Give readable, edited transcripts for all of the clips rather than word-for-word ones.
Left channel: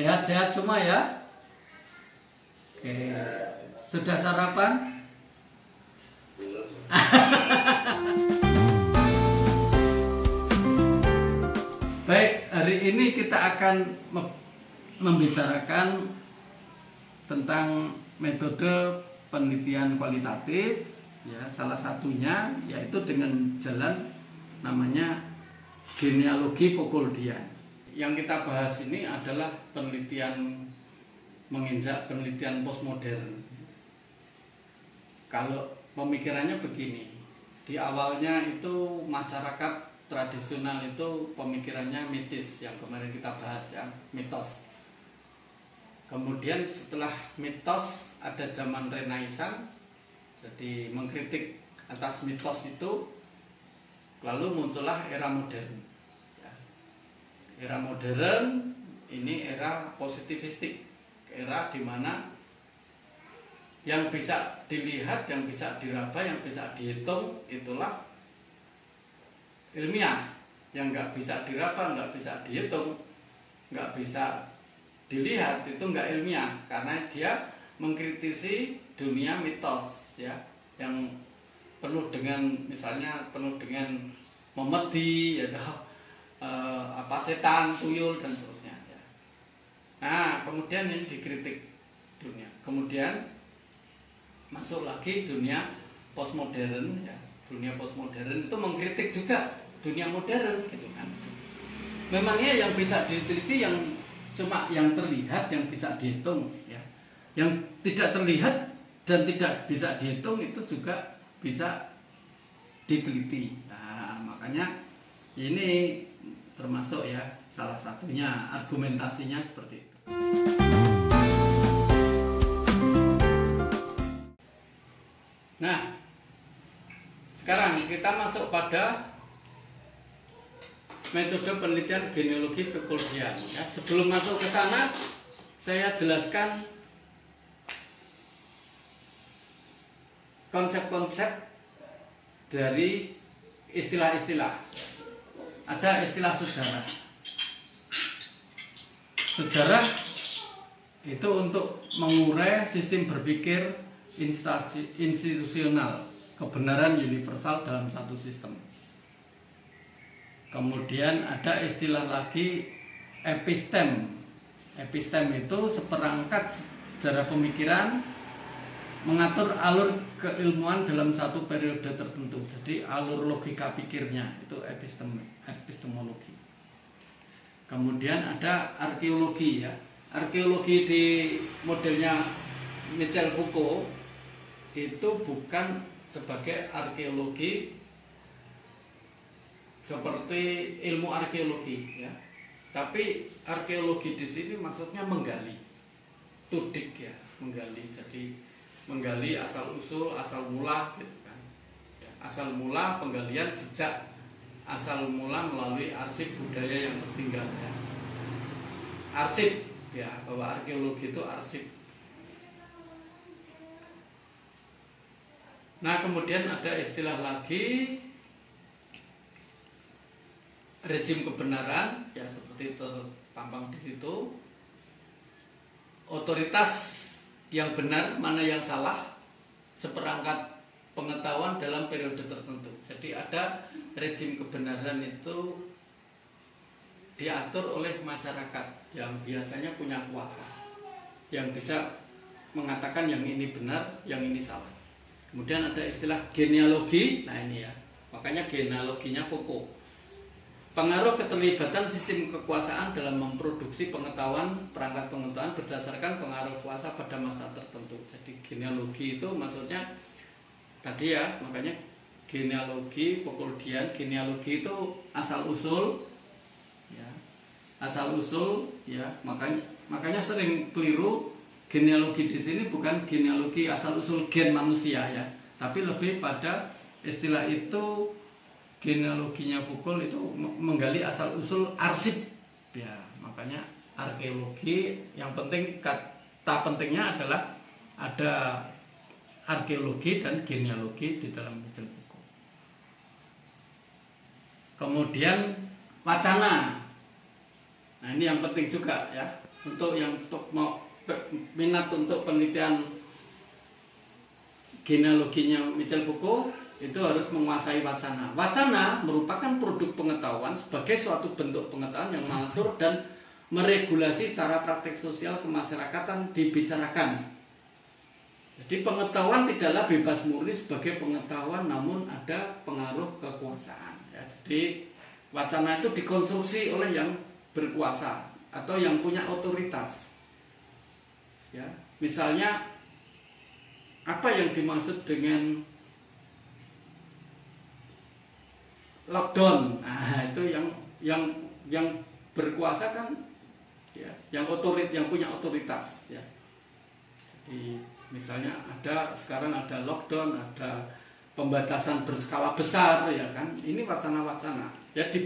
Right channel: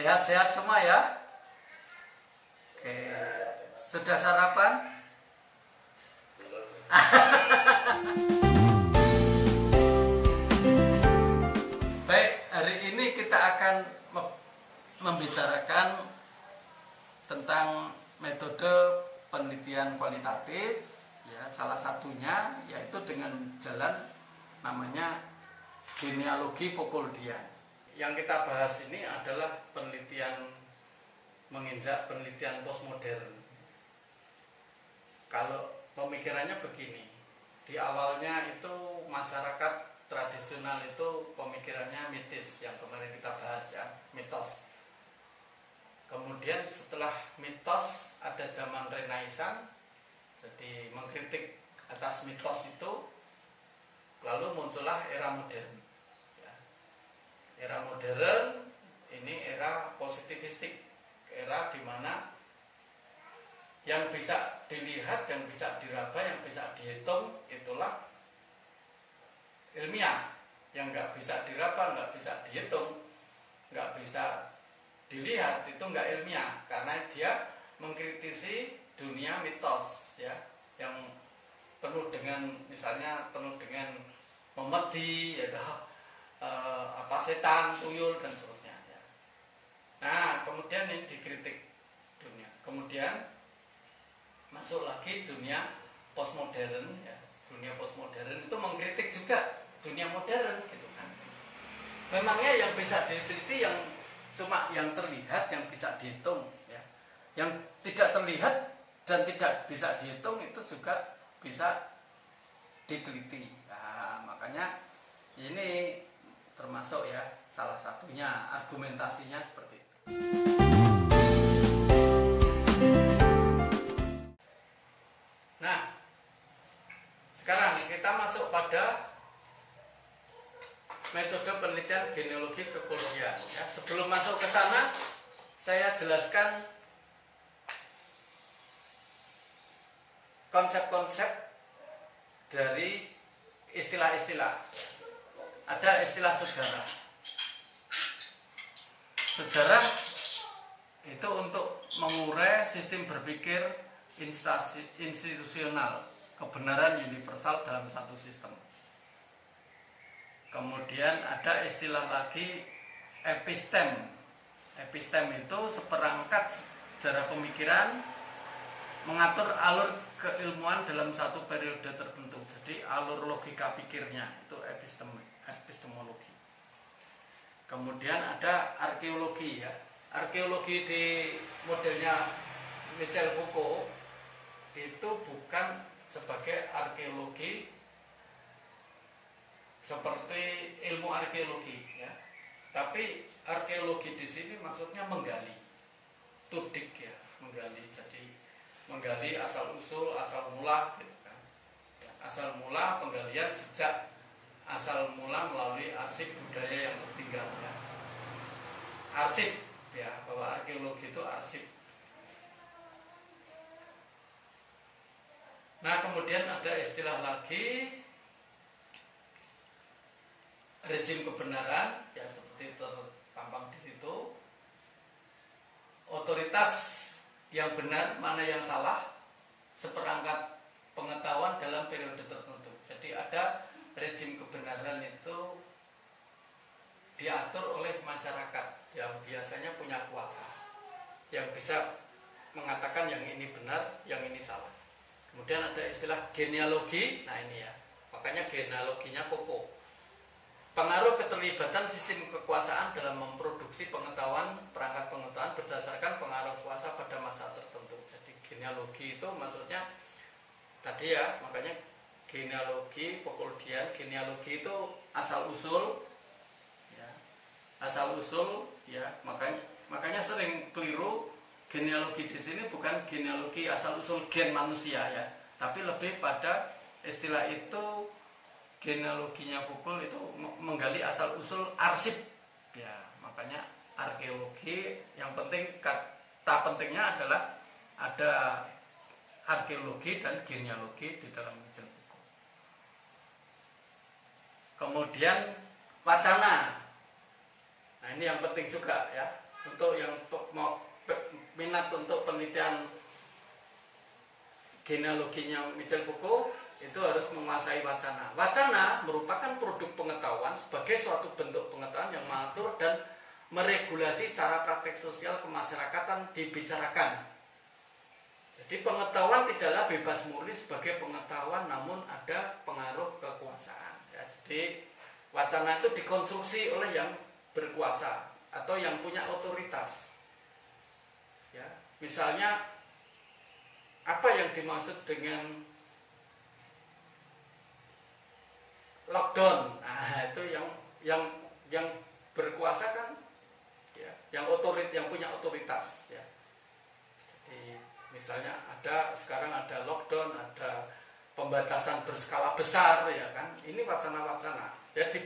Sehat-sehat semua ya. Oke, sudah sarapan? Baik, hari ini kita akan membicarakan tentang metode penelitian kualitatif, ya, salah satunya yaitu dengan jalan namanya genealogi Foucauldian. Yang kita bahas ini adalah penelitian menginjak penelitian postmodern. Kalau pemikirannya begini, di awalnya itu masyarakat tradisional itu pemikirannya mitis, yang kemarin kita bahas ya, mitos. Kemudian setelah mitos ada zaman Renaissance, jadi mengkritik atas mitos itu, lalu muncullah era modern. Era modern ini era positivistik, era di mana yang bisa dilihat, yang bisa diraba, yang bisa dihitung itulah ilmiah. Yang nggak bisa diraba, nggak bisa dihitung, nggak bisa dilihat itu nggak ilmiah, karena dia mengkritisi dunia mitos, ya, yang penuh dengan misalnya penuh dengan memedi, ya, setan, tuyul dan seterusnya. Ya. Nah, kemudian ini dikritik dunia. Kemudian masuk lagi dunia postmodern. Ya. Dunia postmodern itu mengkritik juga dunia modern, gitu kan. Memangnya yang bisa diteliti yang cuma yang terlihat, yang bisa dihitung, ya. Yang tidak terlihat dan tidak bisa dihitung itu juga bisa diteliti. Nah, makanya ini termasuk ya salah satunya argumentasinya seperti itu. Nah, sekarang kita masuk pada metode penelitian genealogi Foucauldian. Ya, sebelum masuk ke sana, saya jelaskan konsep-konsep dari istilah-istilah. Ada istilah sejarah. Sejarah itu untuk mengurai sistem berpikir institusional, kebenaran universal dalam satu sistem. Kemudian ada istilah lagi epistem. Epistem itu seperangkat sejarah pemikiran mengatur alur keilmuan dalam satu periode tertentu. Jadi alur logika pikirnya itu epistemologi. Kemudian ada arkeologi, ya. Arkeologi di modelnya Michel Foucault itu bukan sebagai arkeologi seperti ilmu arkeologi, ya. Tapi arkeologi di sini maksudnya menggali, tudik, ya, menggali. Jadi menggali asal usul, asal mula, gitu kan. Asal mula penggalian jejak, asal mula melalui arsip budaya yang tertinggal, ya. Arsip, ya, bahwa arkeologi itu arsip. Nah, kemudian ada istilah lagi rejim kebenaran, ya, seperti terpampang di situ. Otoritas yang benar, mana yang salah, seperangkat pengetahuan dalam periode tertentu. Jadi ada rejim kebenaran itu diatur oleh masyarakat yang biasanya punya kuasa, yang bisa mengatakan yang ini benar, yang ini salah. Kemudian ada istilah genealogi. Nah, ini ya, makanya genealoginya Foucault. Pengaruh keterlibatan sistem kekuasaan dalam memproduksi pengetahuan, perangkat pengetahuan berdasarkan pengaruh kuasa pada masa tertentu. Jadi genealogi itu maksudnya tadi, ya, makanya genealogi Foucauldian. Genealogi itu asal usul, ya, asal usul, ya. Makanya sering keliru, genealogi di sini bukan genealogi asal usul gen manusia, ya, tapi lebih pada istilah itu. Genealoginya Foucault itu menggali asal usul arsip, ya, makanya arkeologi. Yang penting, kata pentingnya adalah ada arkeologi dan genealogi di dalam Michel Foucault. Kemudian wacana. Nah, ini yang penting juga, ya. untuk yang mau minat untuk penelitian genealoginya Michel Foucault itu harus menguasai wacana. Wacana merupakan produk pengetahuan sebagai suatu bentuk pengetahuan yang mengatur dan meregulasi cara praktek sosial kemasyarakatan dibicarakan. Jadi pengetahuan tidaklah bebas murni sebagai pengetahuan, namun ada pengaruh kekuasaan. Ya, jadi wacana itu dikonstruksi oleh yang berkuasa atau yang punya otoritas. Ya, misalnya apa yang dimaksud dengan lockdown? Nah, itu yang berkuasa kan, ya, yang punya otoritas. Ya. Jadi misalnya sekarang ada lockdown, ada pembatasan berskala besar, ya kan? Ini wacana-wacana. Ya, di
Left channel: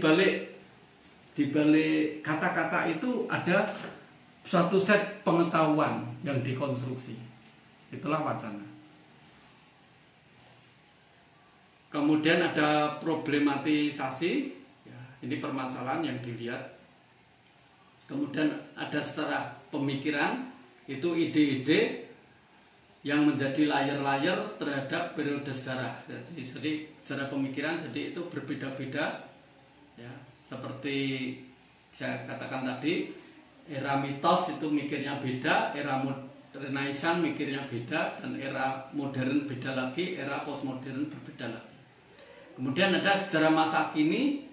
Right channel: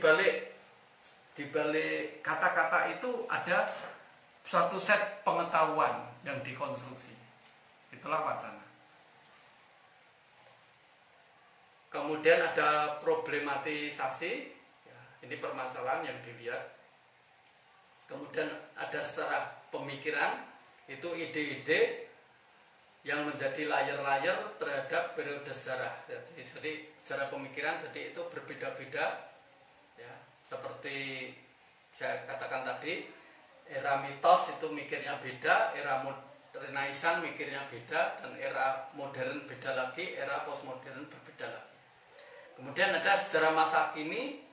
balik kata-kata itu ada suatu set pengetahuan yang dikonstruksi. Itulah wacana. Kemudian ada problematisasi, ya, ini permasalahan yang dilihat. Kemudian ada secara pemikiran, itu ide-ide yang menjadi layar-layar terhadap periode sejarah. Jadi secara pemikiran, jadi itu berbeda-beda, ya, seperti saya katakan tadi, era mitos itu mikirnya beda, era Renaissance mikirnya beda, dan era modern beda lagi, era postmodern berbeda lagi. Kemudian ada sejarah masa kini.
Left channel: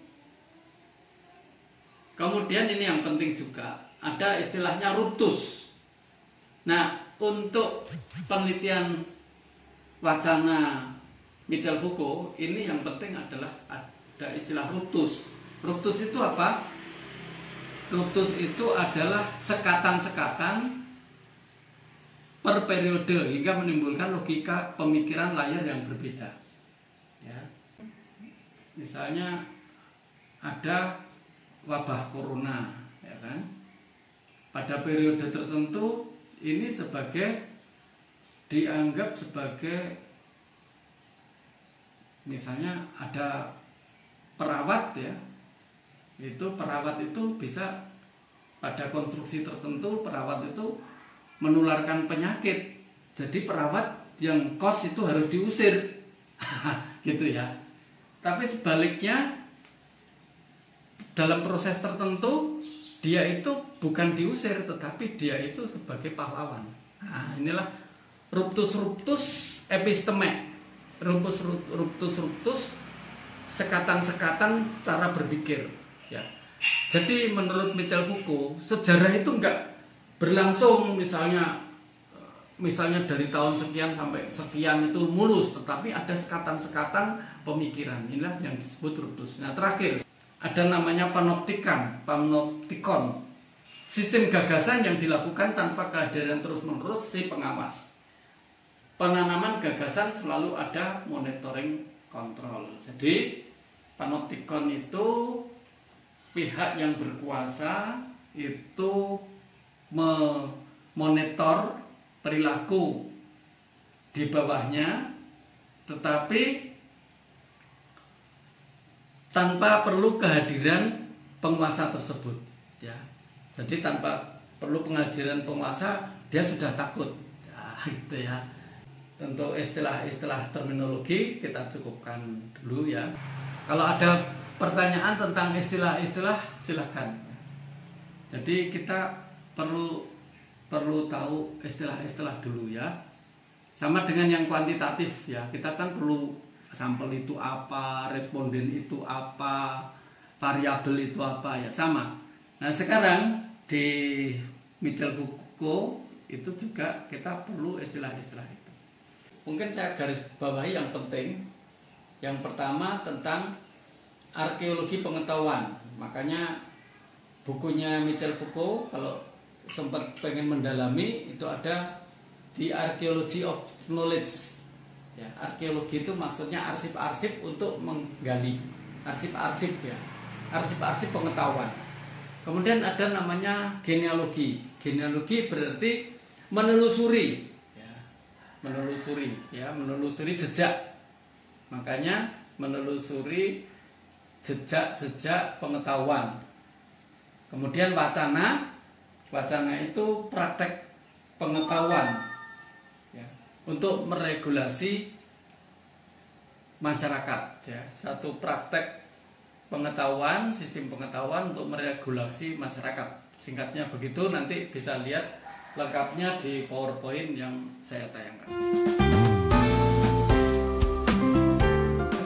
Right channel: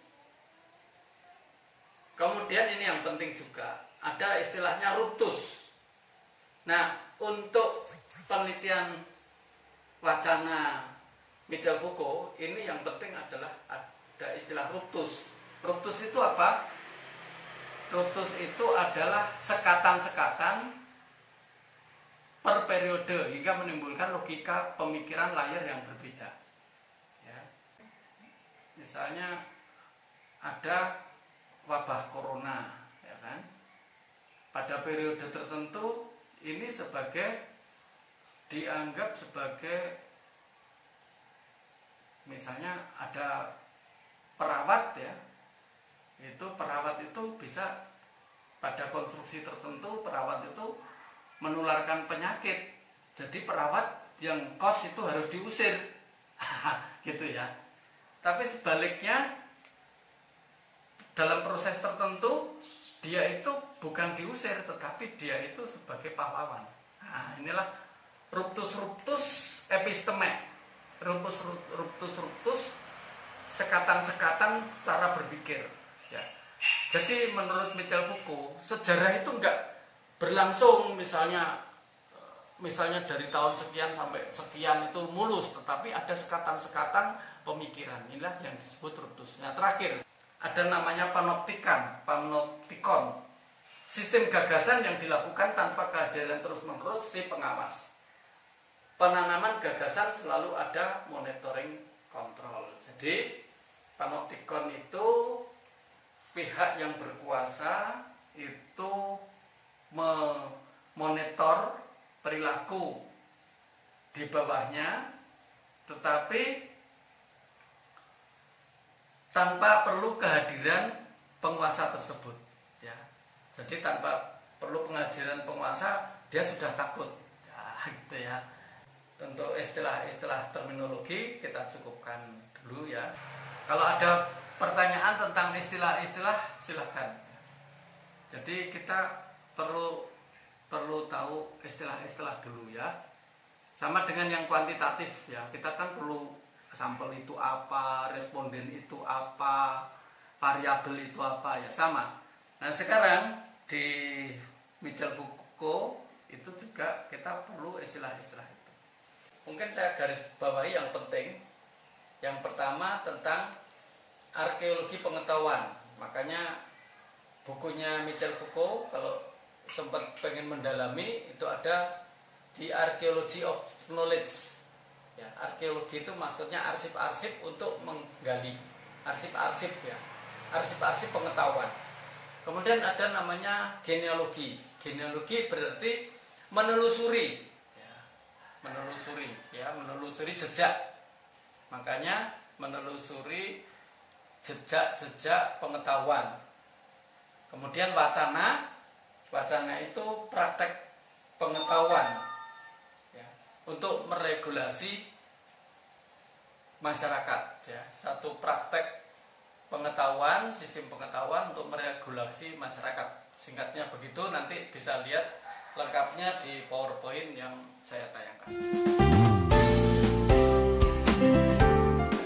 Kemudian ini yang penting juga, ada istilahnya ruptus. Nah, untuk penelitian wacana Michel Foucault ini yang penting adalah ada istilah ruptus. Ruptus itu apa? Ruptus itu adalah sekatan-sekatan per periode hingga menimbulkan logika pemikiran layar yang berbeda. Ya. Misalnya ada wabah corona, ya kan? Pada periode tertentu ini dianggap sebagai, misalnya ada perawat, ya, itu perawat itu bisa pada konstruksi tertentu perawat itu menularkan penyakit, jadi perawat yang kos itu harus diusir, gitu ya. Tapi sebaliknya dalam proses tertentu dia itu bukan diusir, tetapi dia itu sebagai pahlawan. Nah, inilah ruptus episteme, ruptus sekatan-sekatan cara berpikir. Ya. Jadi menurut Michel Foucault, sejarah itu enggak berlangsung misalnya dari tahun sekian sampai sekian itu mulus, tetapi ada sekatan-sekatan pemikiran. Inilah yang disebut ruptus. Nah, terakhir ada namanya panoptikon, sistem gagasan yang dilakukan tanpa kehadiran terus-menerus si pengawas. Penanaman gagasan selalu ada monitoring kontrol. Jadi panoptikon itu pihak yang berkuasa itu memonitor perilaku di bawahnya, tetapi tanpa perlu kehadiran penguasa tersebut, ya. Jadi tanpa perlu kehadiran penguasa, dia sudah takut, ya, gitu ya. Untuk istilah-istilah terminologi kita cukupkan dulu, ya. Kalau ada pertanyaan tentang istilah-istilah, silakan. Jadi kita perlu tahu istilah-istilah dulu, ya. Sama dengan yang kuantitatif, ya. Kita kan perlu sampel itu apa, responden itu apa, variabel itu apa, ya, sama. Nah, sekarang di Michel Foucault itu juga kita perlu istilah-istilah itu. Mungkin saya garis bawahi yang penting. Yang pertama tentang arkeologi pengetahuan. Makanya bukunya Michel Foucault kalau sempat pengen mendalami itu ada di Archaeology of Knowledge. Ya, arkeologi itu maksudnya arsip-arsip untuk menggali, arsip-arsip, ya, arsip-arsip pengetahuan. Kemudian ada namanya genealogi. Genealogi berarti menelusuri, ya, menelusuri jejak. Makanya menelusuri jejak-jejak pengetahuan. Kemudian wacana Wacana itu praktek pengetahuan ya, untuk meregulasi masyarakat ya. Satu praktek pengetahuan, sistem pengetahuan untuk meregulasi masyarakat. Singkatnya begitu, nanti bisa lihat lengkapnya di PowerPoint yang saya tayangkan.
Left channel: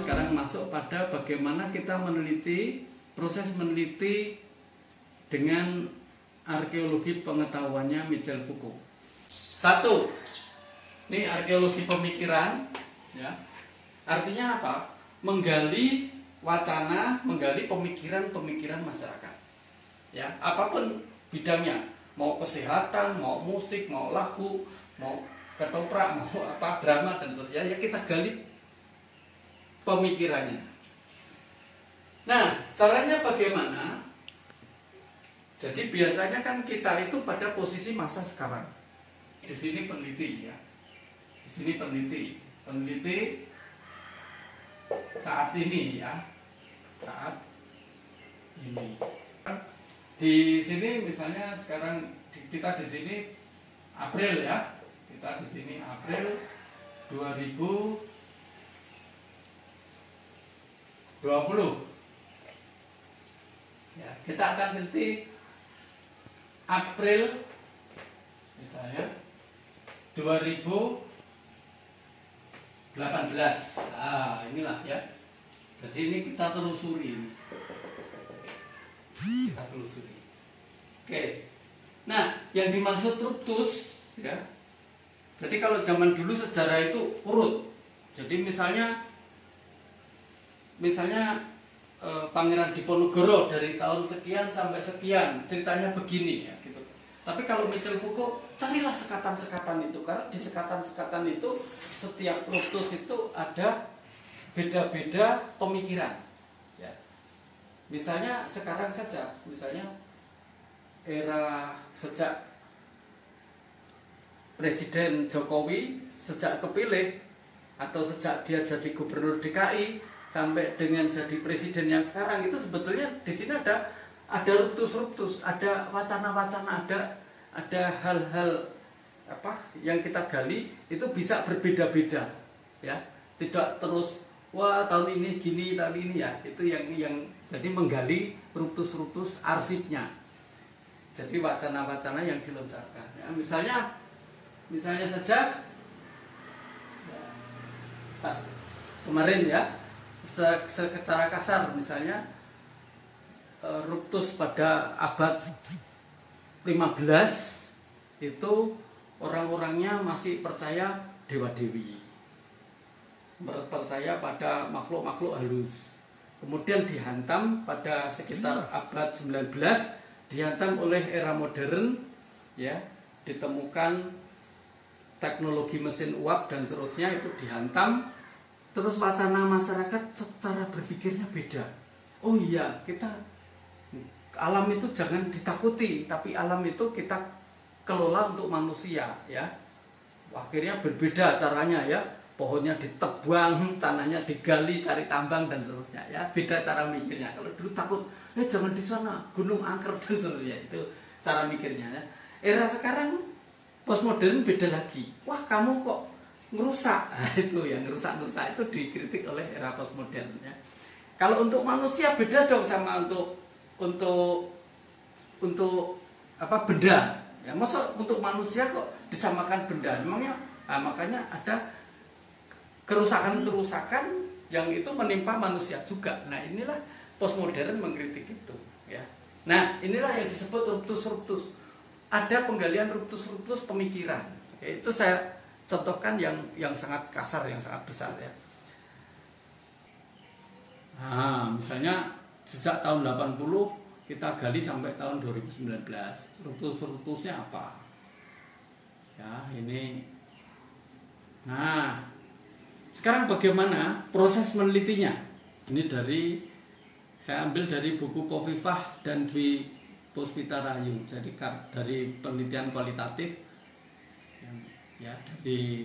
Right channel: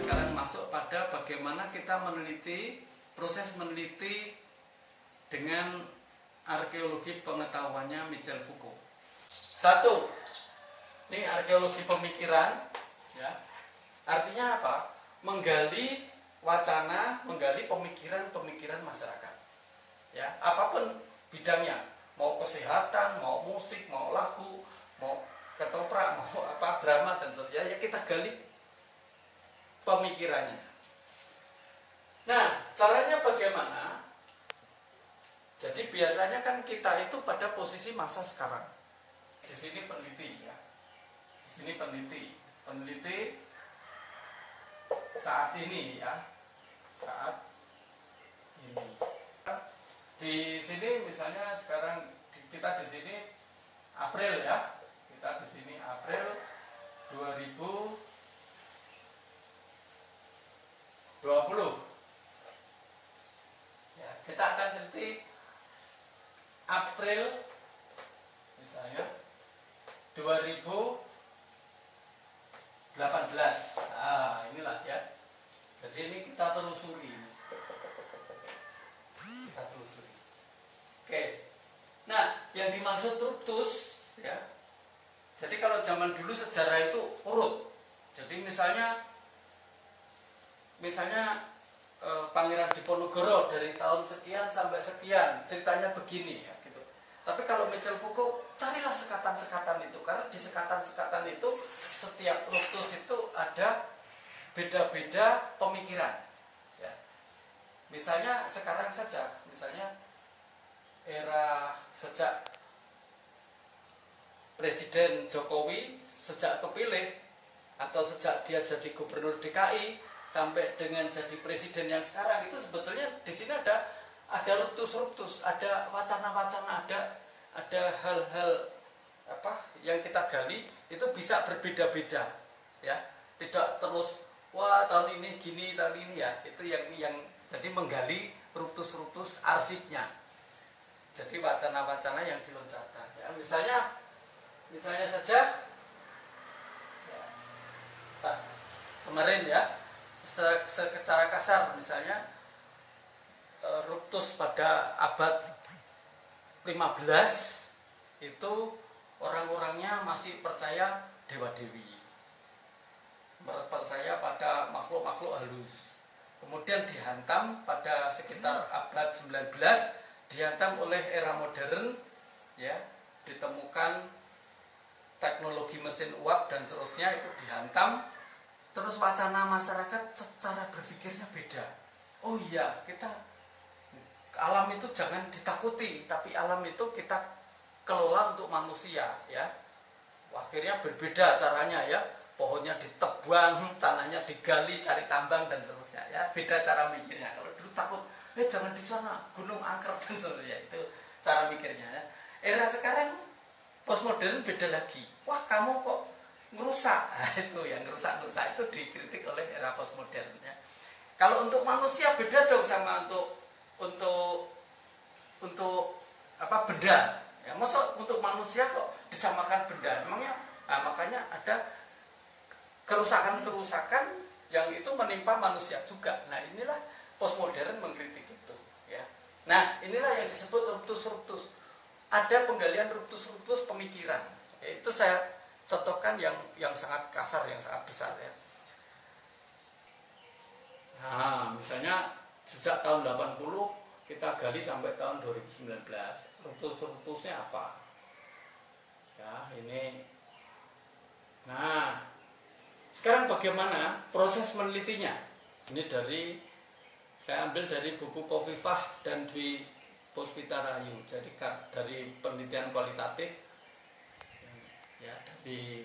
Sekarang masuk pada bagaimana kita meneliti, proses meneliti dengan arkeologi pengetahuannya Michel Foucault. Satu, ini arkeologi pemikiran ya. Artinya apa? Menggali wacana, menggali pemikiran-pemikiran masyarakat. Ya, apapun bidangnya, mau kesehatan, mau musik, mau lagu, mau ketoprak, mau apa drama dan sebagainya, ya kita gali pemikirannya. Nah, caranya bagaimana? Jadi biasanya kan kita itu pada posisi masa sekarang. Di sini peneliti ya. Di sini peneliti saat ini ya. Saat ini. Di sini misalnya sekarang kita di sini April ya. Kita di sini April 2020. Ya, kita akan teliti April misalnya 2018. Ah, inilah ya. Jadi ini kita telusuri. Kita telusuri. Oke. Nah, yang dimaksud ruptus ya. Jadi kalau zaman dulu sejarah itu urut. Jadi misalnya Pangeran Diponegoro dari tahun sekian sampai sekian ceritanya begini ya gitu. Tapi kalau Michel Foucault, carilah sekatan-sekatan itu, karena di sekatan-sekatan itu setiap ruptus itu ada beda-beda pemikiran. Ya. Misalnya sekarang saja, misalnya era sejak Presiden Jokowi sejak kepilih atau sejak dia jadi gubernur DKI sampai dengan jadi presiden yang sekarang itu sebetulnya di sini ada ruptus-ruptus, ada wacana-wacana, ada hal-hal apa yang kita gali itu bisa berbeda-beda, ya, tidak terus wah tahun ini gini, tahun ini ya, itu yang jadi menggali ruptus-ruptus arsipnya, jadi wacana-wacana yang dilontarkan, ya, misalnya saja kemarin ya. Secara kasar misalnya ruptus pada abad 15 itu orang-orangnya masih percaya dewa-dewi, percaya pada makhluk-makhluk halus. Kemudian dihantam pada sekitar abad 19, dihantam oleh era modern ya, ditemukan teknologi mesin uap dan seterusnya, itu dihantam. Terus wacana masyarakat secara berpikirnya beda. Oh iya, kita alam itu jangan ditakuti, tapi alam itu kita kelola untuk manusia, ya. Akhirnya berbeda caranya ya. Pohonnya ditebang, tanahnya digali, cari tambang dan seterusnya, ya. Beda cara mikirnya. Kalau dulu takut, jangan di sana, gunung angker dan seterusnya. Itu cara mikirnya ya. Era sekarang postmodern beda lagi. Wah, kamu kok ngerusak, nah, itu yang ngerusak itu dikritik oleh era postmodern ya. Kalau untuk manusia beda dong sama untuk apa benda ya. Masa untuk manusia kok disamakan benda, emangnya makanya ada kerusakan yang itu menimpa manusia juga. Nah, inilah postmodern mengkritik itu ya. Nah, inilah yang disebut ruptus. Ada penggalian ruptus pemikiran. Itu saya contohkan yang sangat kasar, yang sangat besar ya. Nah, misalnya sejak tahun 80 kita gali sampai tahun 2019. Ruptusnya apa? Ya, ini. Nah, sekarang bagaimana proses menelitinya? Ini saya ambil dari buku Kofifah dan Dwi Puspita Rahayu. Jadi dari penelitian kualitatif ya, dari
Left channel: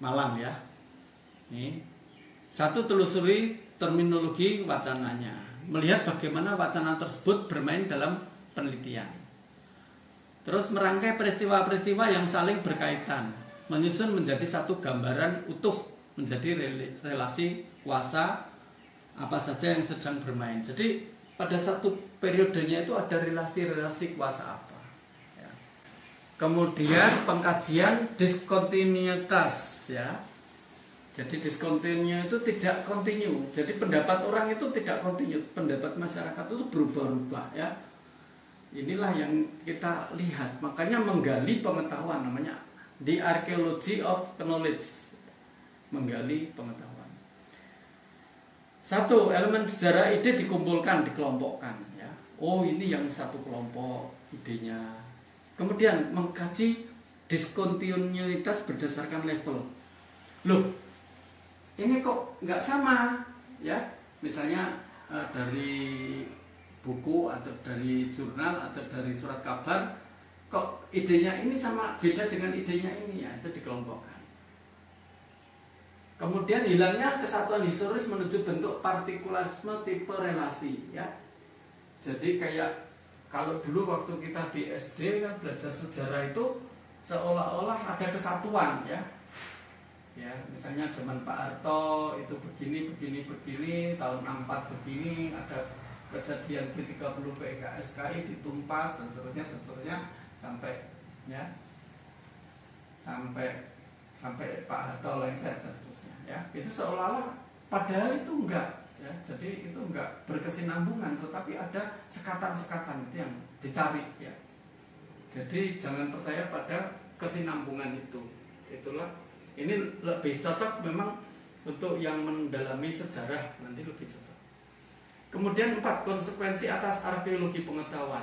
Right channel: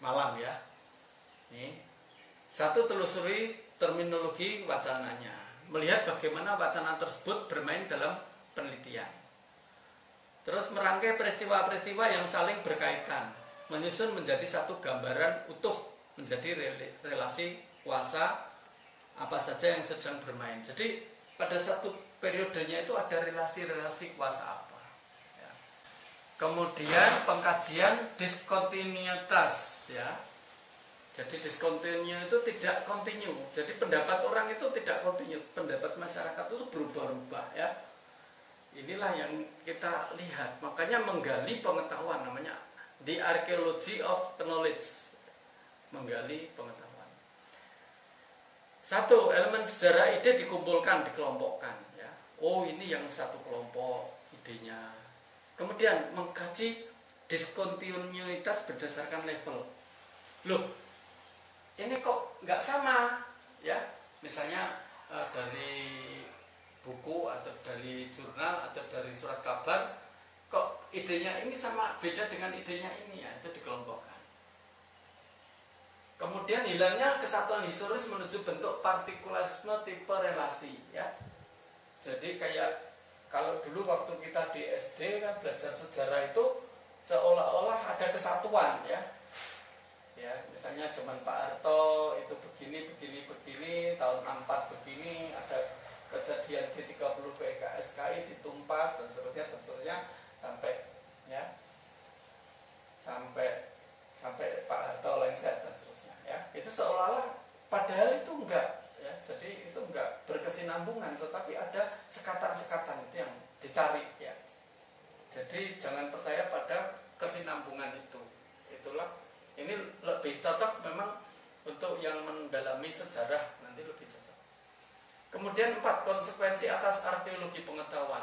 Malang ya. Ini satu, telusuri terminologi wacananya, melihat bagaimana wacana tersebut bermain dalam penelitian. Terus merangkai peristiwa-peristiwa yang saling berkaitan, menyusun menjadi satu gambaran utuh, menjadi relasi kuasa apa saja yang sedang bermain. Jadi pada satu periodenya itu ada relasi-relasi kuasa apa. Ya. Kemudian pengkajian diskontinuitas, ya. Jadi discontinue itu tidak kontinu. Jadi pendapat orang itu tidak kontinu. Pendapat masyarakat itu berubah-ubah, ya. Inilah yang kita lihat. Makanya menggali pengetahuan, namanya the archaeology of knowledge. Menggali pengetahuan. Satu, elemen sejarah ide dikumpulkan, dikelompokkan, ya. Oh, ini yang satu kelompok idenya. Kemudian mengkaji diskontinuitas berdasarkan level. Loh, ini kok nggak sama, ya? Misalnya dari buku atau dari jurnal atau dari surat kabar, kok idenya ini sama beda dengan idenya ini, ya? Itu dikelompokkan. Kemudian hilangnya kesatuan historis menuju bentuk partikulasme tipe relasi, ya. Jadi kayak kalau dulu waktu kita di SD kan belajar sejarah itu seolah-olah ada kesatuan, ya. Ya, misalnya zaman Pak Harto itu begini, tahun 64 begini, ada kejadian G30 PKSKI ditumpas dan seterusnya sampai, ya, sampai Pak Harto lengser dan seterusnya, ya. Itu seolah-olah padahal itu enggak, ya. Jadi itu enggak berkesinambungan, tetapi ada sekatan-sekatan itu yang dicari, ya. Jadi jangan percaya pada kesinambungan itu. Itulah. Ini lebih cocok memang untuk yang mendalami sejarah, nanti lebih cocok. Kemudian 4, konsekuensi atas arkeologi pengetahuan.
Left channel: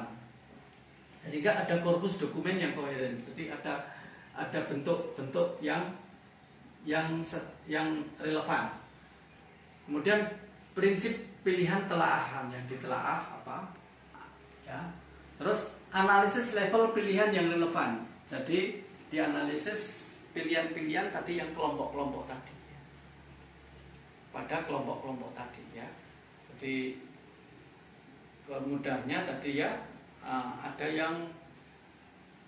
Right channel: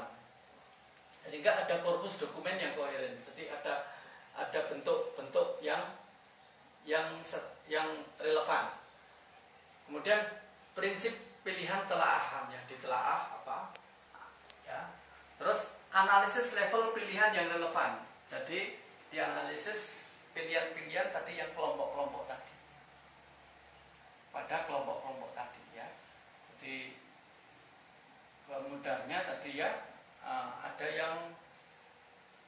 Sehingga ada korpus dokumen yang koheren. Jadi ada bentuk-bentuk yang relevan. Kemudian prinsip pilihan telaahan, yang ditelaah apa? Ya. Terus analisis level pilihan yang relevan. Jadi dianalisis pilihan-pilihan tadi yang kelompok-kelompok tadi, pada kelompok-kelompok tadi, ya. Jadi mudahnya tadi, ya, ada yang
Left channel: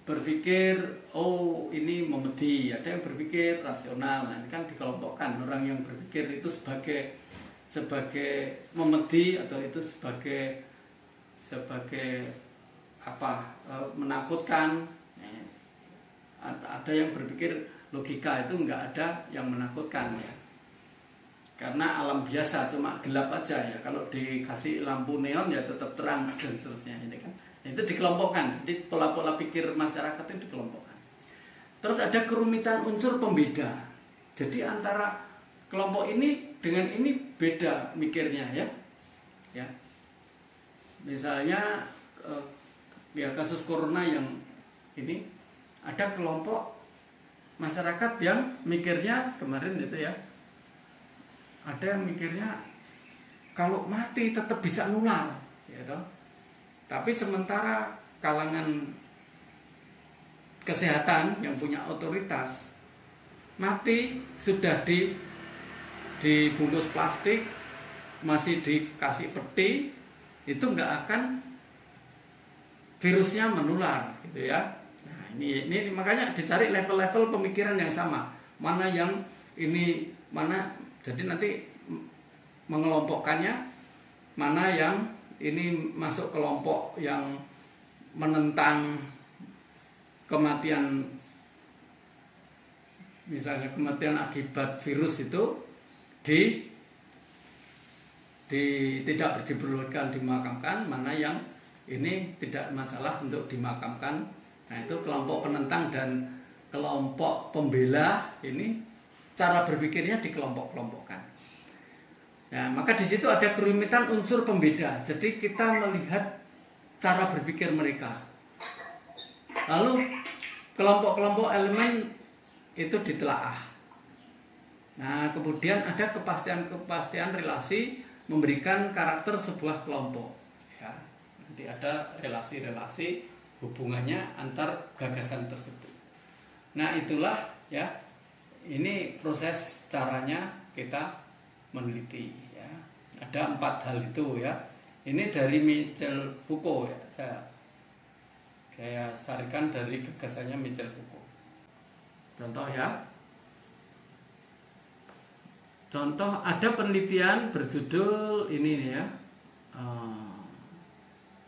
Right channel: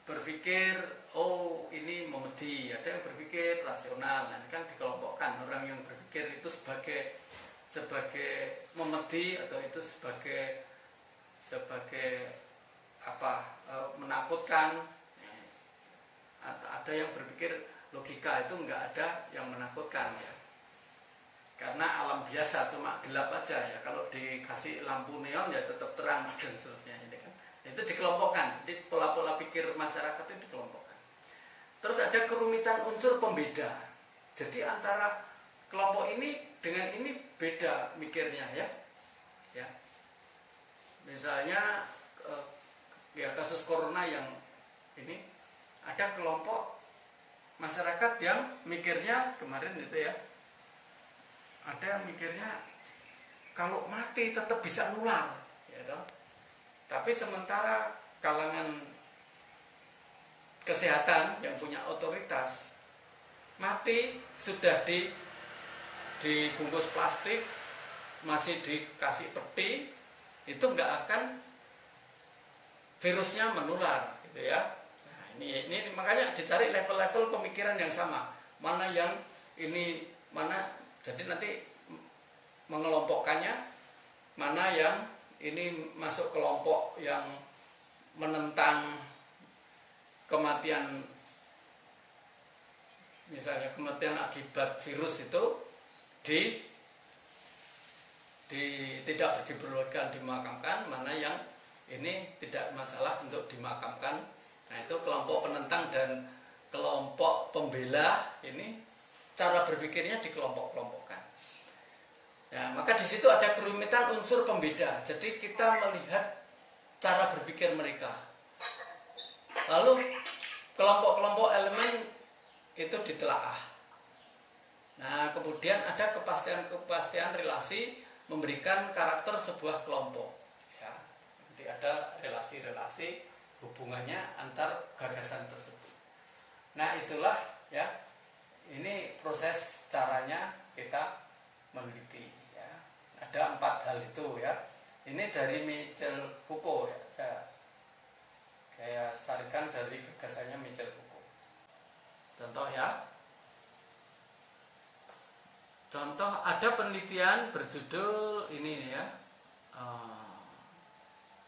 berpikir oh ini memedi, ada yang berpikir rasional. Nah, ini kan dikelompokkan. Orang yang berpikir itu sebagai memedi atau itu sebagai apa, menakutkan. Ada yang berpikir logika itu enggak ada yang menakutkan, ya. Karena alam biasa cuma gelap aja, ya. Kalau dikasih lampu neon ya tetap terang dan seterusnya, ini kan. Itu dikelompokkan. Jadi pola-pola pikir masyarakat itu dikelompokkan. Terus ada kerumitan unsur pembeda. Jadi antara kelompok ini dengan ini beda mikirnya, ya. Ya. Misalnya ya kasus corona yang ini, ada kelompok masyarakat yang mikirnya kemarin itu, ya, ada yang mikirnya kalau mati tetap bisa nular, ya toh. Tapi sementara kalangan kesehatan yang punya otoritas, mati sudah dibungkus plastik, masih dikasih peti, itu nggak akan virusnya menular, gitu, ya. Ini makanya dicari level-level pemikiran yang sama. Mana yang ini, mana, jadi nanti mengelompokkannya, mana yang ini masuk kelompok yang menentang kematian, misalnya kematian akibat virus itu tidak diperbolehkan dimakamkan, mana yang ini tidak masalah untuk dimakamkan. Nah, itu kelompok penentang dan kelompok pembela ini cara berpikirnya dikelompok-kelompokkan. Nah, maka di situ ada kerumitan unsur pembeda. Jadi kita melihat cara berpikir mereka. Lalu kelompok-kelompok elemen itu ditelaah. Nah, kemudian ada kepastian relasi memberikan karakter sebuah kelompok. Ya, nanti ada relasi-relasi hubungannya antar gagasan tersebut. Nah, itulah, ya, ini proses caranya kita meneliti, ya. Ada 4 hal itu, ya. Ini dari Michel Foucault, ya. Saya Saya sarikan dari gagasannya Michel Foucault. Contoh ya. Contoh ada penelitian berjudul ini ya.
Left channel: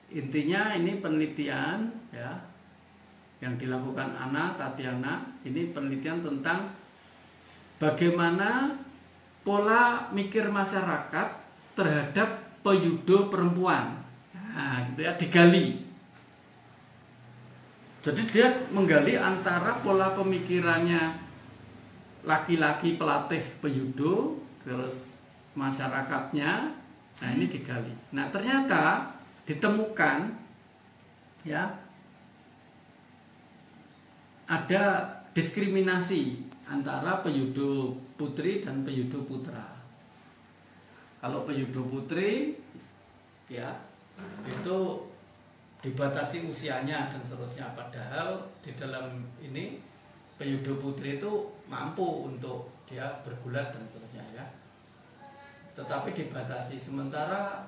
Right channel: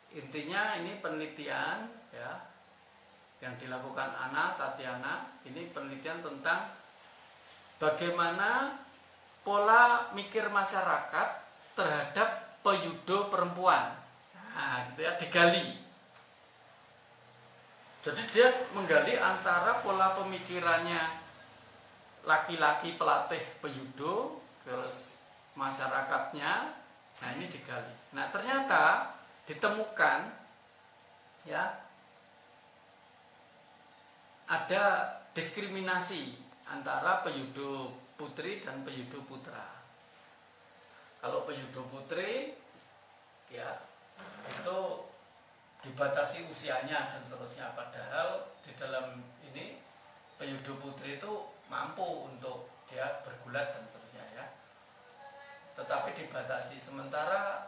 Intinya ini penelitian ya yang dilakukan Anna Tatiana. Ini penelitian tentang bagaimana pola mikir masyarakat terhadap peyudo perempuan. Nah, gitu ya, digali. Jadi dia menggali antara pola pemikirannya laki-laki pelatih peyudo terus masyarakatnya. Nah, ini digali. Nah, ternyata ditemukan ya ada diskriminasi antara peyudo putri dan peyudo putra. Kalau peyudo putri ya itu dibatasi usianya dan seterusnya, padahal di dalam ini peyudo putri itu mampu untuk dia bergulat dan seterusnya ya. Tetapi dibatasi. Sementara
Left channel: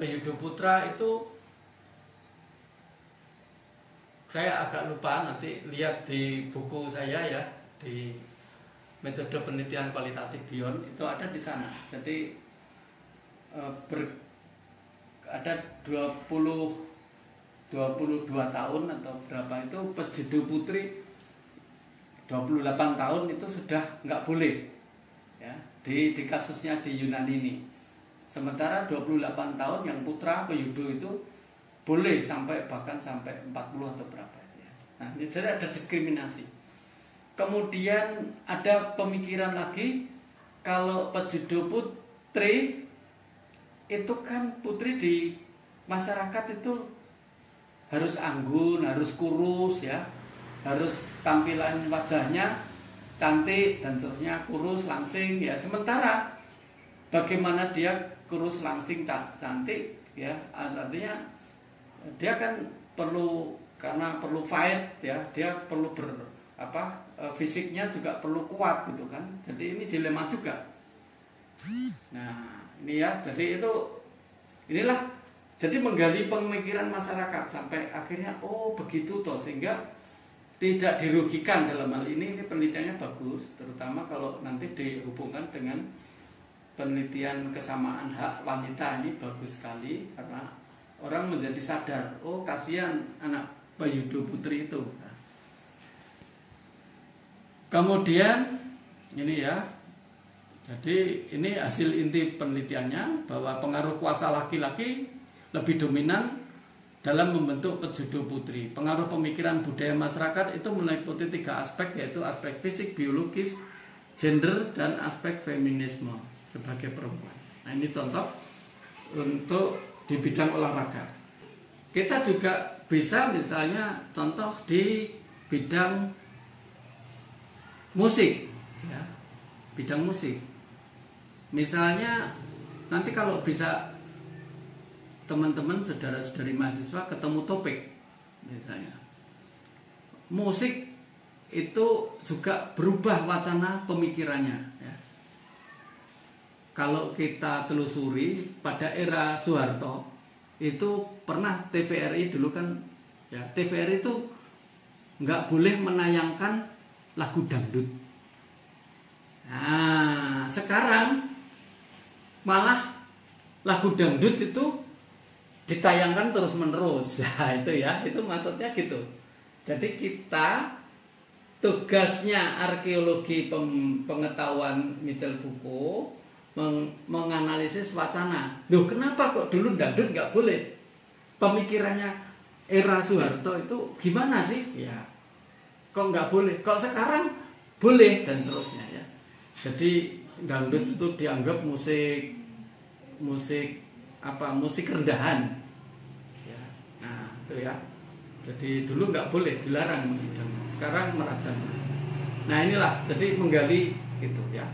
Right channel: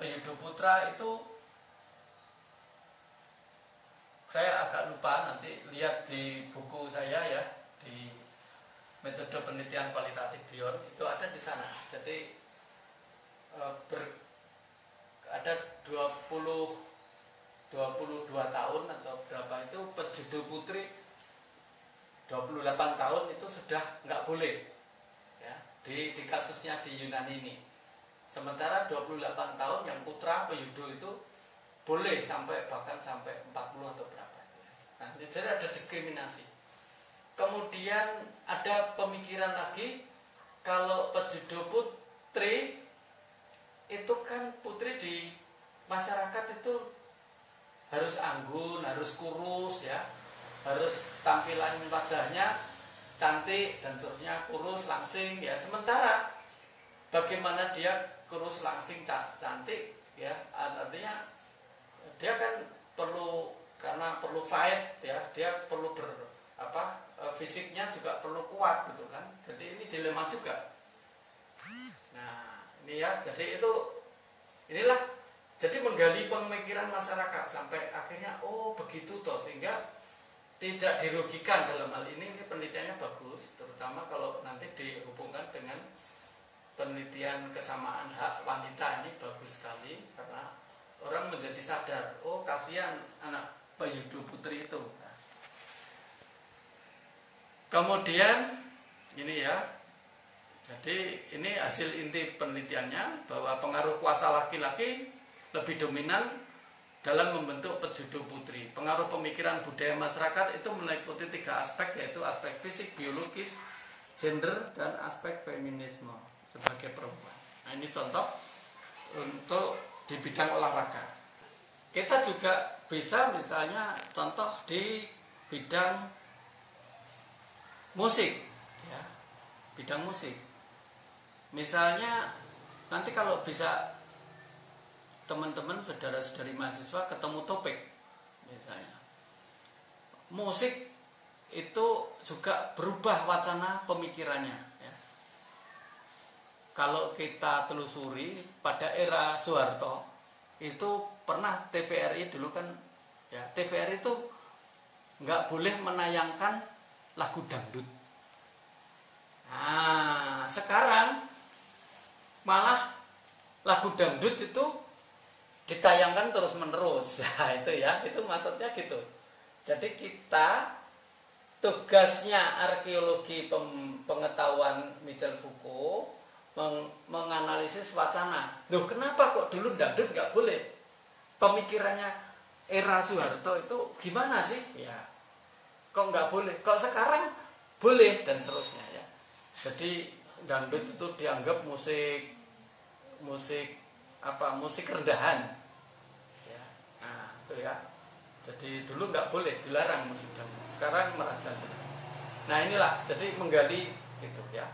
peyudo putra itu saya agak lupa, nanti lihat di buku saya ya, di metode penelitian kualitatif Beyond itu ada di sana. Jadi ada 22 tahun atau berapa itu peyudo putri 28 tahun itu sudah nggak boleh ya, di kasusnya di Yunani ini. Sementara 28 tahun yang putra peyudo itu boleh bahkan sampai 40 atau berapa ya. Nah, ini jadi ada diskriminasi. Kemudian ada pemikiran lagi, kalau peyudo putri itu kan putri di masyarakat itu harus anggun, harus kurus ya, harus tampilan wajahnya cantik dan seterusnya, kurus langsing ya. Sementara bagaimana dia kurus langsing cantik ya, artinya dia kan perlu, karena perlu fight ya, dia perlu fisiknya juga perlu kuat gitu kan. Jadi ini dilema juga. Nah ini ya, jadi inilah jadi menggali pemikiran masyarakat sampai akhirnya oh begitu toh, sehingga tidak dirugikan dalam hal ini penelitiannya bagus, terutama kalau nanti dihubungkan dengan penelitian kesamaan hak wanita, ini bagus sekali karena orang menjadi sadar, oh kasihan anak peyudo putri itu. Kemudian ini ya, jadi ini hasil inti penelitiannya bahwa pengaruh kuasa laki-laki lebih dominan dalam membentuk peyudo putri. Pengaruh pemikiran budaya masyarakat itu meliputi 3 aspek, yaitu aspek fisik, biologis, gender, dan aspek feminisme sebagai perempuan. Nah ini contoh untuk di bidang olahraga. Kita juga bisa misalnya contoh di bidang musik ya, bidang musik. Misalnya nanti kalau bisa teman-teman saudara-saudari mahasiswa ketemu topik misalnya, musik itu juga berubah wacana pemikirannya ya. Kalau kita telusuri pada era Soeharto itu pernah TVRI dulu kan ya, TVRI itu nggak boleh menayangkan lagu dangdut. Nah sekarang malah lagu dangdut itu ditayangkan terus menerus. Nah itu ya, itu maksudnya gitu. Jadi kita tugasnya arkeologi pengetahuan Michel Foucault menganalisis wacana. Loh kenapa kok dulu dangdut nggak boleh? Pemikirannya era Soeharto itu gimana sih? Ya kok nggak boleh? Kok sekarang boleh dan seterusnya ya. Jadi dangdut itu dianggap musik rendahan ya. Nah itu ya, jadi dulu nggak boleh, dilarang musik dangdut, sekarang merajalela. Nah inilah, jadi menggali gitu ya.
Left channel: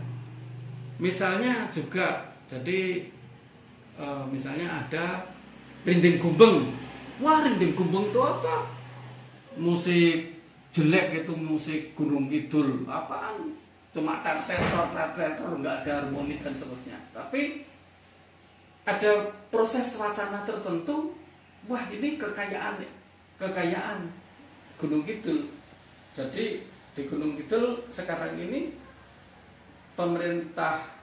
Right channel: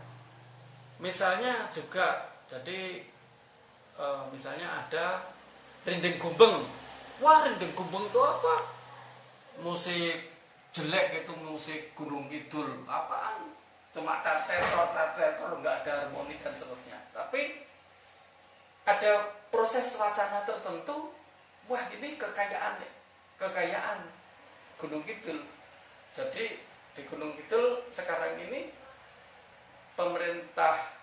Misalnya juga jadi misalnya ada rinding gumbeng. Wah rinding gumbeng itu apa? Musik jelek, itu musik Gunung Kidul, apaan? Cuma tertor, nggak ada harmoni dan seterusnya. Tapi ada proses wacana tertentu, wah ini kekayaan kekayaan Gunung Kidul. Jadi di Gunung Kidul sekarang ini pemerintah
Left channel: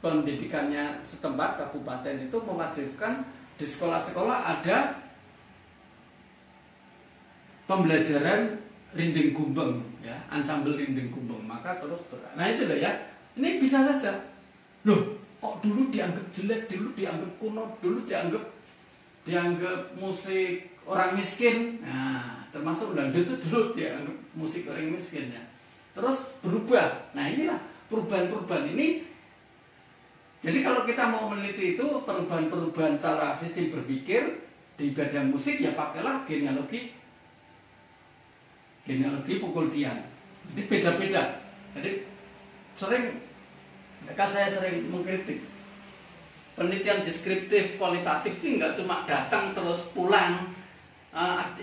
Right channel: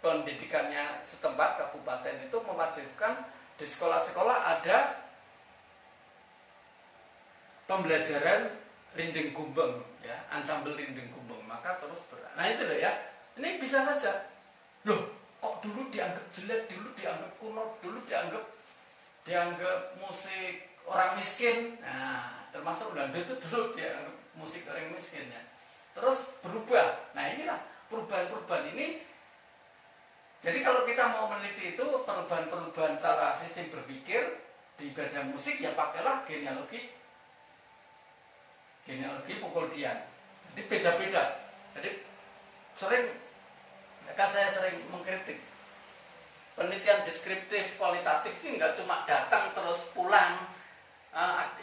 pendidikannya setempat kabupaten itu mewajibkan di sekolah-sekolah ada pembelajaran rinding gumbeng, ya, ansambel rinding gumbeng. Maka terus nah itu loh ya, ini bisa saja. Loh, kok dulu dianggap jelek, dulu dianggap kuno, dulu dianggap musik orang miskin. Nah, termasuk dangdut itu dulu dianggap musik orang miskin ya. Terus berubah. Nah, inilah perubahan-perubahan ini. Jadi kalau kita mau meneliti itu perubahan-perubahan cara sistem berpikir di bidang musik, ya pakailah genealogi Pukuldian. Jadi beda-beda. Jadi saya sering mengkritik penelitian deskriptif kualitatif ini nggak cuma datang terus pulang.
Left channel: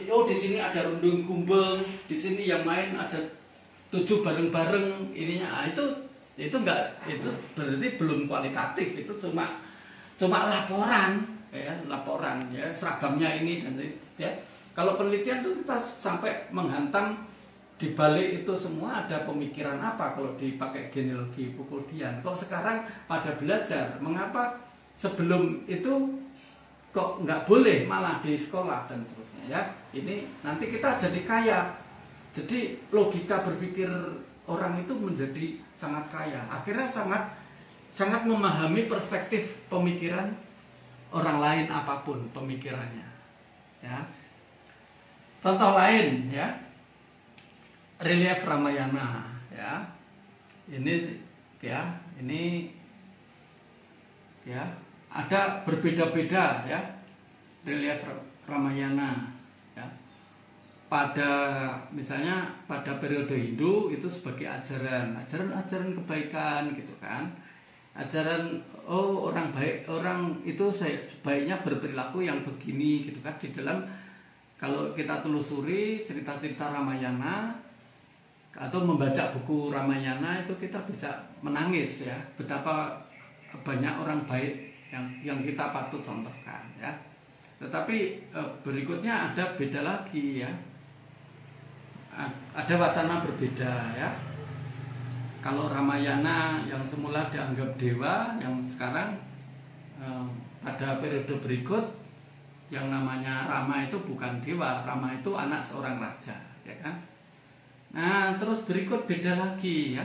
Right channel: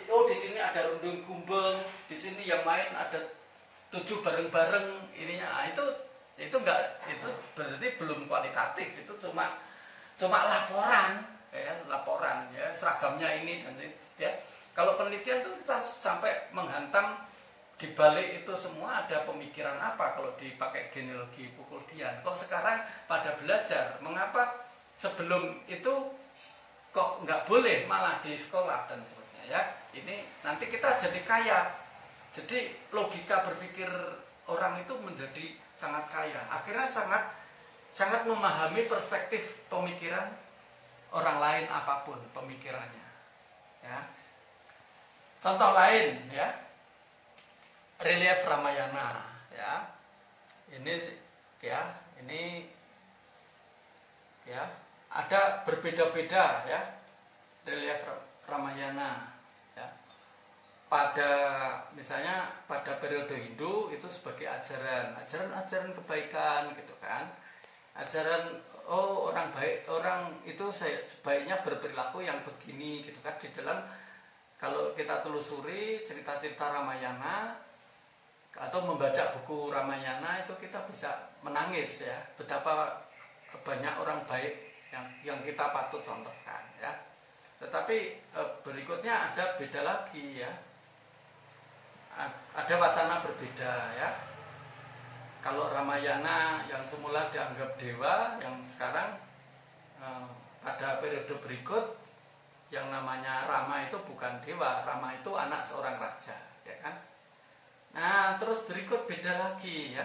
Oh di sini ada undung gumbeng, di sini yang main ada 7 bareng-bareng ininya. Itu enggak, itu berarti belum kualitatif, itu cuma laporan ya, seragamnya ini dan itu ya. Kalau penelitian itu kita sampai menghantam di balik itu semua ada pemikiran apa kalau dipakai genealogi Pukuldian. Kok sekarang pada belajar, mengapa sebelum itu kok nggak boleh malah di sekolah dan seterusnya ya. Ini nanti kita jadi kaya. Jadi logika berpikir orang itu menjadi sangat kaya. Akhirnya sangat memahami perspektif pemikiran orang lain apapun pemikirannya. Ya. Contoh lain ya. Relief Ramayana ya. Ini ada berbeda-beda ya. Relief Ramayana ya. Misalnya pada periode Hindu itu sebagai ajaran kebaikan gitu kan. Ajaran orang baik, orang itu sebaiknya berperilaku yang begini gitu kan. Di dalam kalau kita telusuri cerita-cerita Ramayana atau membaca buku Ramayana itu kita bisa menangis ya, betapa banyak orang baik yang kita patut contohkan ya. Tetapi berikutnya ada beda lagi ya. Ada wacana berbeda ya. Kalau Ramayana yang semula dianggap dewa, yang sekarang pada periode berikut yang namanya Rama itu bukan dewa, Rama itu anak seorang raja, ya kan? Nah, terus berikut beda lagi ya.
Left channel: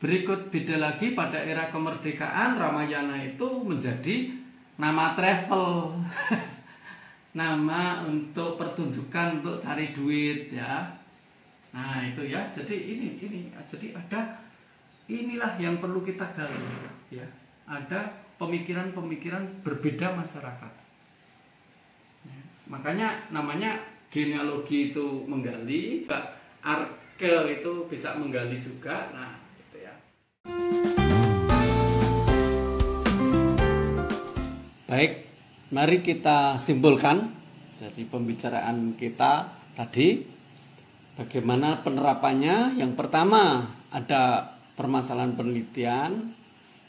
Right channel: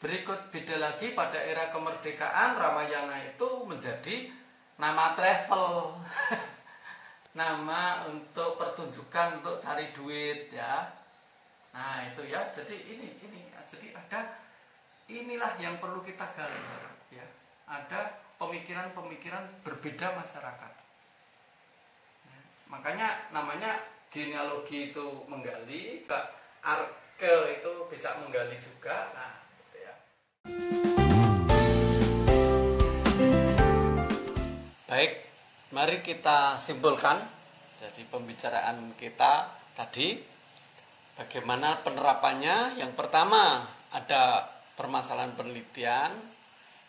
Berikut beda lagi pada era kemerdekaan Ramayana itu menjadi nama travel. Nama untuk pertunjukan, untuk cari duit ya. Nah, itu ya. Jadi ini jadi inilah yang perlu kita gali ya. Ada pemikiran-pemikiran berbeda masyarakat. Makanya namanya genealogi itu menggali, arke itu bisa menggali juga. Nah, gitu ya. Baik, mari kita simpulkan. Jadi pembicaraan kita tadi bagaimana penerapannya. Yang pertama ada permasalahan penelitian,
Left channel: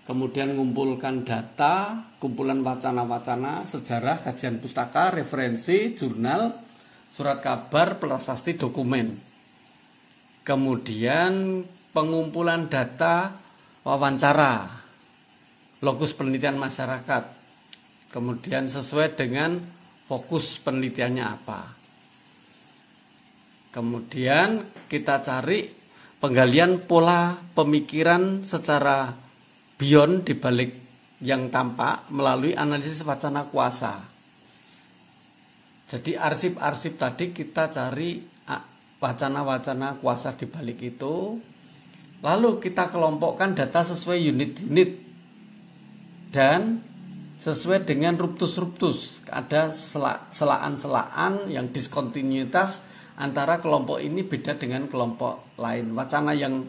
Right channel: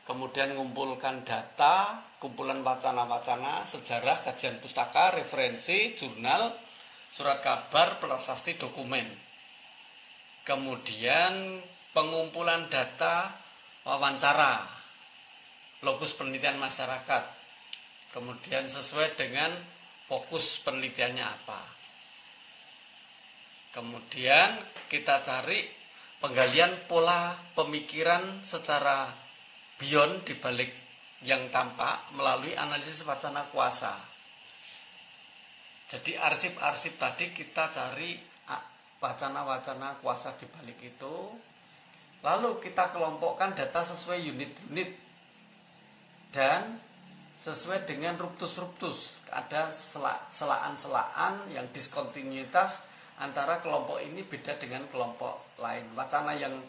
kemudian mengumpulkan data, kumpulan wacana-wacana, sejarah, kajian pustaka, referensi, jurnal, surat kabar, prasasti, dokumen. Kemudian pengumpulan data, wawancara, lokus penelitian masyarakat. Kemudian sesuai dengan fokus penelitiannya apa. Kemudian kita cari penggalian pola pemikiran secara beyond di balik yang tampak melalui analisis wacana kuasa. Jadi arsip-arsip tadi kita cari wacana-wacana kuasa di balik itu. Lalu kita kelompokkan data sesuai unit-unit dan sesuai dengan ruptus-ruptus. Ada selaan-selaan yang diskontinuitas antara kelompok ini beda dengan kelompok lain. Wacana yang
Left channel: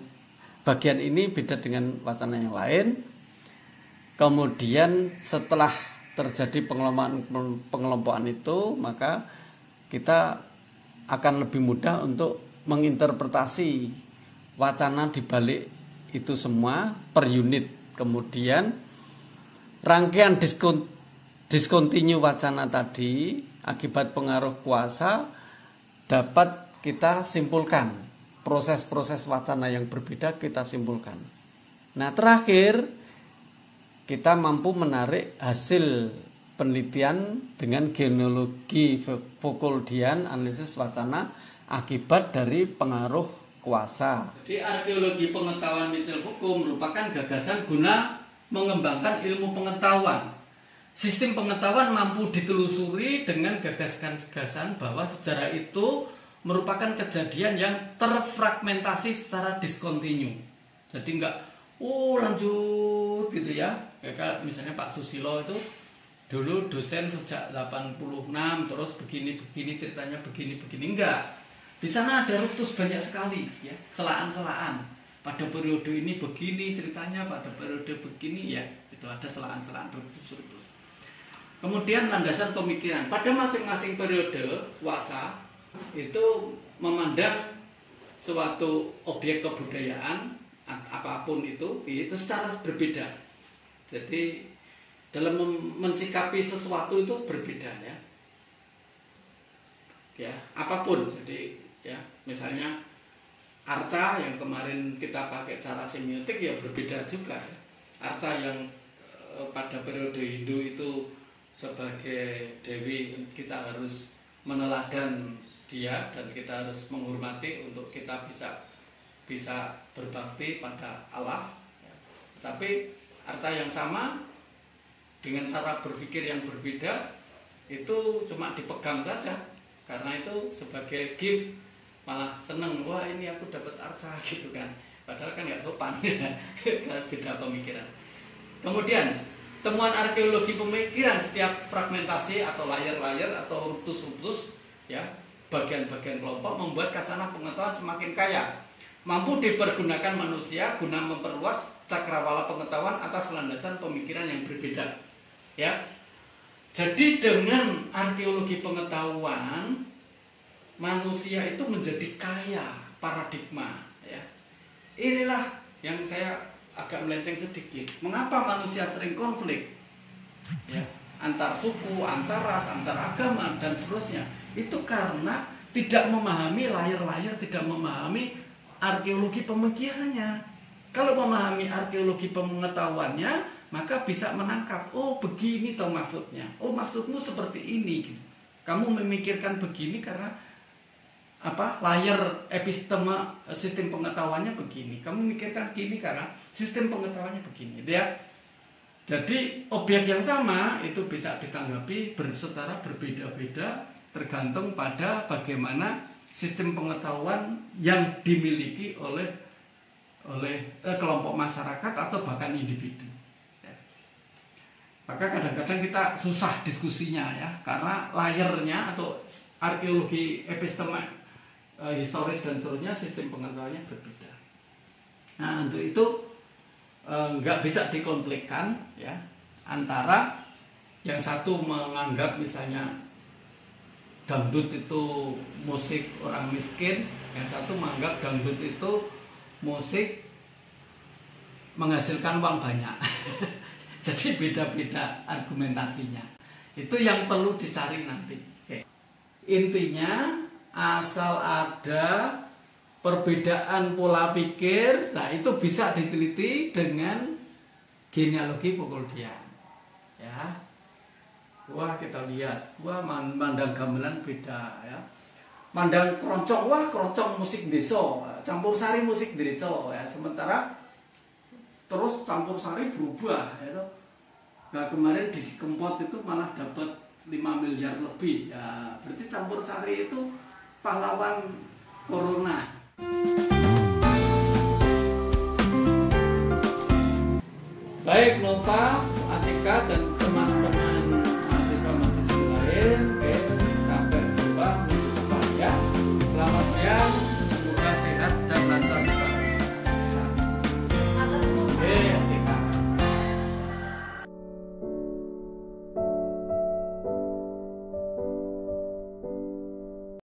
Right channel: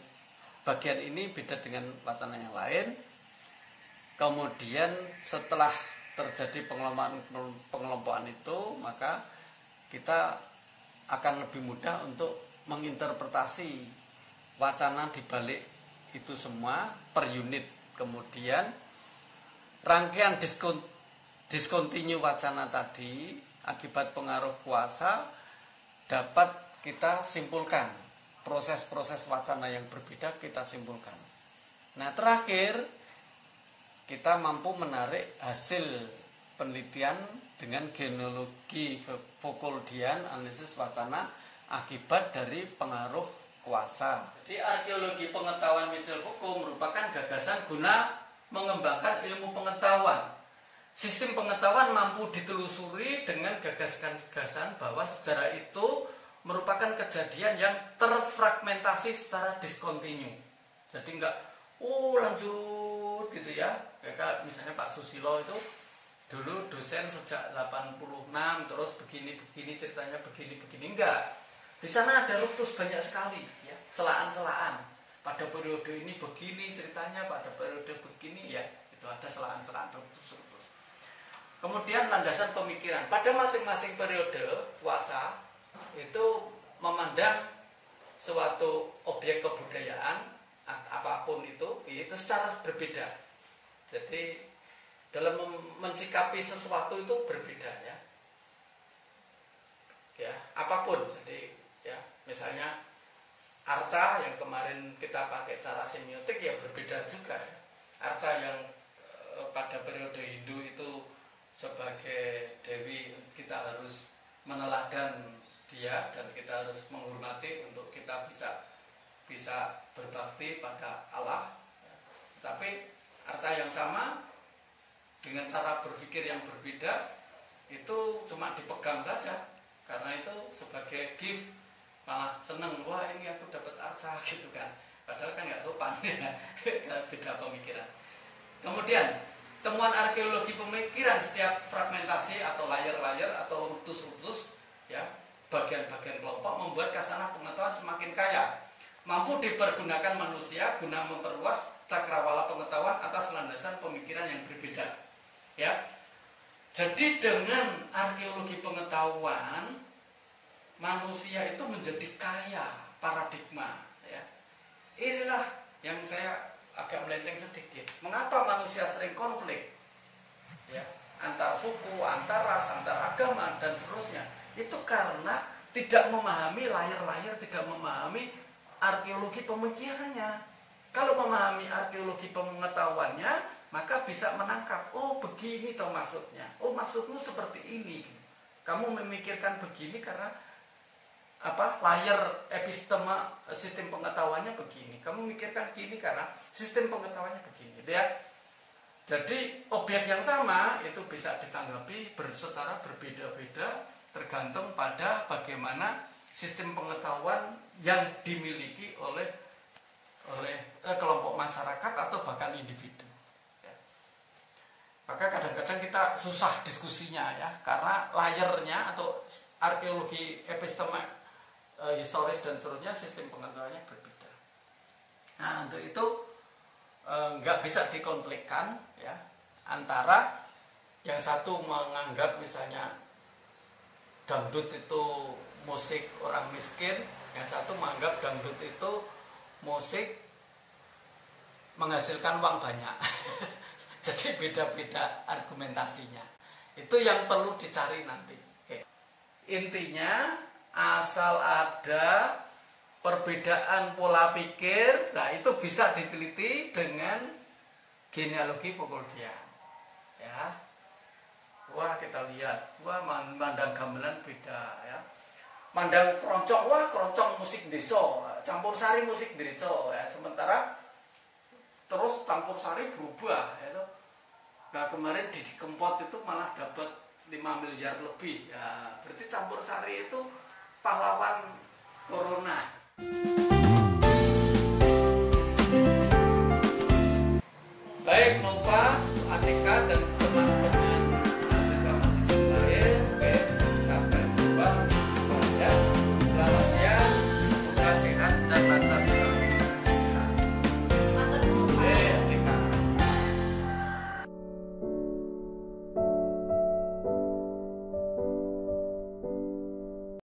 bagian ini beda dengan wacana yang lain. Kemudian setelah terjadi pengelompokan itu, maka kita akan lebih mudah untuk menginterpretasi wacana di balik itu semua per unit. Kemudian rangkaian diskontinu wacana tadi akibat pengaruh kuasa dapat kita simpulkan. Proses-proses wacana yang berbeda kita simpulkan. Nah, terakhir kita mampu menarik hasil penelitian dengan genealogi Foucauldian analisis wacana akibat dari pengaruh kuasa. Jadi arkeologi pengetahuan Michel Foucault merupakan gagasan guna mengembangkan ilmu pengetahuan. Sistem pengetahuan mampu ditelusuri dengan gagasan-gagasan bahwa sejarah itu merupakan kejadian yang terfragmentasi secara diskontinu. Jadi enggak lanjut gitu ya. Kayak misalnya Pak Susilo itu dulu dosen sejak 86 terus begini ceritanya begini enggak. Di sana ada ruptus banyak sekali ya, selaan-selaan. Pada periode ini begini ceritanya, pada periode begini ya, itu ada selaan-selaan ruptus. Kemudian landasan pemikiran. Pada masing-masing periode kuasa itu memandang suatu objek kebudayaan apapun itu secara berbeda. Jadi dalam mensikapi sesuatu itu berbeda ya. Ya, apapun. Jadi ya, misalnya arca yang kemarin kita pakai cara semiotik ya berbeda juga ya. Arca yang pada periode Hindu itu sebagai dewi kita harus meneladan dia dan kita harus menghormati untuk kita bisa berbakti pada Allah. Tapi arca yang sama dengan cara berpikir yang berbeda itu cuma dipegang saja karena itu sebagai gift, malah seneng, wah ini aku dapat arca gitu kan, padahal kan nggak sopan ya. Beda pemikiran. Kemudian temuan arkeologi pemikiran setiap fragmentasi atau layer-layer atau ruptus-ruptus ya, bagian-bagian kelompok membuat khasanah pengetahuan semakin kaya, mampu dipergunakan manusia guna memperluas cakrawala pengetahuan atas landasan pemikiran yang berbeda ya. Jadi dengan arkeologi pengetahuan manusia itu menjadi kaya paradigma ya. Inilah yang saya agak melenceng sedikit. Mengapa manusia sering konflik ya, antar suku, antar ras, antar agama dan seterusnya? Itu karena tidak memahami layar-layar, tidak memahami arkeologi pemikirannya. Kalau memahami arkeologi pengetahuannya, maka bisa menangkap, oh begini toh maksudnya, oh maksudmu seperti ini gitu. Kamu memikirkan begini karena layar episteme sistem pengetahuannya begini, kamu mikirkan gini karena sistem pengetahuannya begini gitu ya. Jadi objek yang sama itu bisa ditanggapi secara berbeda-beda tergantung pada bagaimana sistem pengetahuan yang dimiliki oleh kelompok masyarakat atau bahkan individu. Maka kadang-kadang kita susah diskusinya ya, karena layernya atau arkeologi episteme historis dan seterusnya sistem pengetahuannya berbeda. Nah untuk itu nggak bisa dikonflikkan ya, antara yang satu menganggap misalnya dangdut itu musik orang miskin, yang satu menganggap dangdut itu musik menghasilkan uang banyak. Jadi beda-beda argumentasinya. Itu yang perlu dicari nanti. Oke. Intinya asal ada perbedaan pola pikir, nah itu bisa diteliti dengan genealogi Foucauldian. Ya. Wah kita lihat, wah mandang gamelan beda ya. Mandang keroncong, wah keroncong musik desa, campur sari musik desa ya. Sementara terus campur sari berubah ya. Nah kemarin di Kempot itu malah dapat 5 miliar lebih ya. Berarti campur sari itu pahlawan corona. Baik Nova, Atika dan